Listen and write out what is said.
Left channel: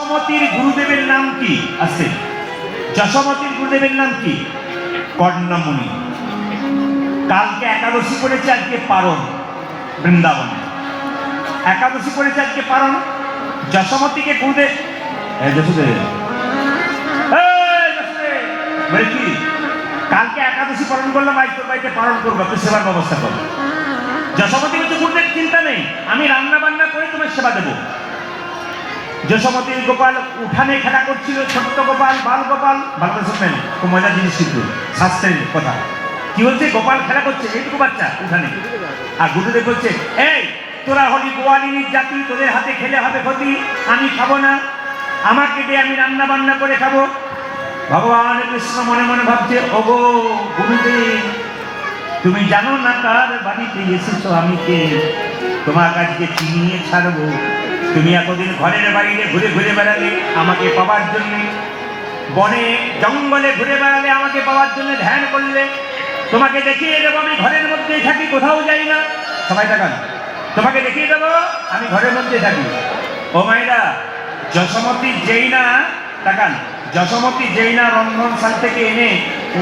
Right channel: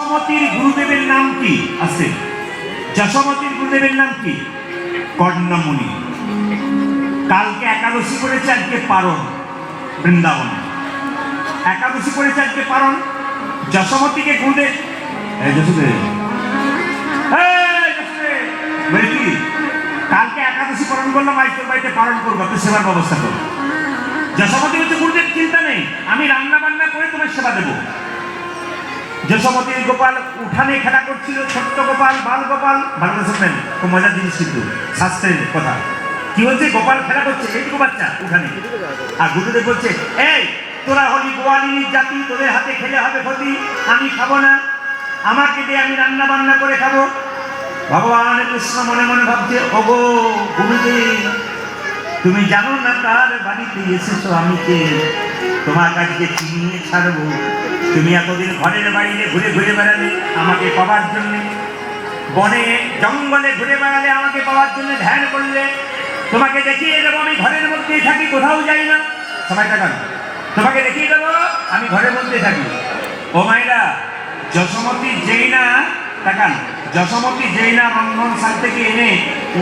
যশোমতীর গুরুদেবের নাম কি আছে? যশোমতীর গুরুদেবের নাম কি? কর্ণমুনি। কালকে একাদশী করেছে, আজকে পারণ বৃন্দাবনে। একাদশী করেছে, আজকে পারণ। যশোমতীকে গুরুদেব কি কালকে একাদশী পালন করলাম, আজ তোর বাড়িতে পালন করবো, তুই সেবার ব্যবস্থা করো। যশোমতী হচ্ছে গুরুদেব, চিন্তা নেই, আমি রান্না বান্না করে তোমার সেবা দেবো। যশোমতী গোপাল উঠানে খেলা করছিল, ছোট্ট গোপাল, বাল গোপাল, ভালো করে শুনবেন, খুব মজার জিনিস কিন্তু শাস্ত্রের কথা। কি হচ্ছে, গোপাল খেলা করছে, এইটুকু বাচ্চা উঠানে, আর গুরুদেব বলছে, এই তোরা হলি গোয়ালিনীর জাতি, তোদের হাতে খেলে হবে ক্ষতি, আমি খাবো না, আমাকে দিয়ে আমি রান্না বান্না করে খাবো। ভগবান কৃষ্ণ মনে মনে ভাবছে, ওগো গুরুদেব, তুমি জানো না কার বাড়িতে এসেছো, আমি কে, তোমার কাছে চিনিয়ে ছাড়বো। তুমি এতদিন ঘরের বাড়িতে ঘুরে ঘুরে বেড়ালে আমাকে পাওয়ার জন্য, বনে জঙ্গলে ঘুরে বেড়ালে আমাকে পাওয়ার জন্য ধ্যান করলে, তোমাকে দেখিয়ে দেবো আমি ঘরের মধ্যেই থাকি, কোথাও যাই না। সবাই দেখান, তোমাকে দেখিয়ে দেবো আমি ঘরের মধ্যে থাকি। ও মায়েরা, যশোমতী যেই না, দেখান, যশোমতী যেই না রন্ধনশাল থেকে এনে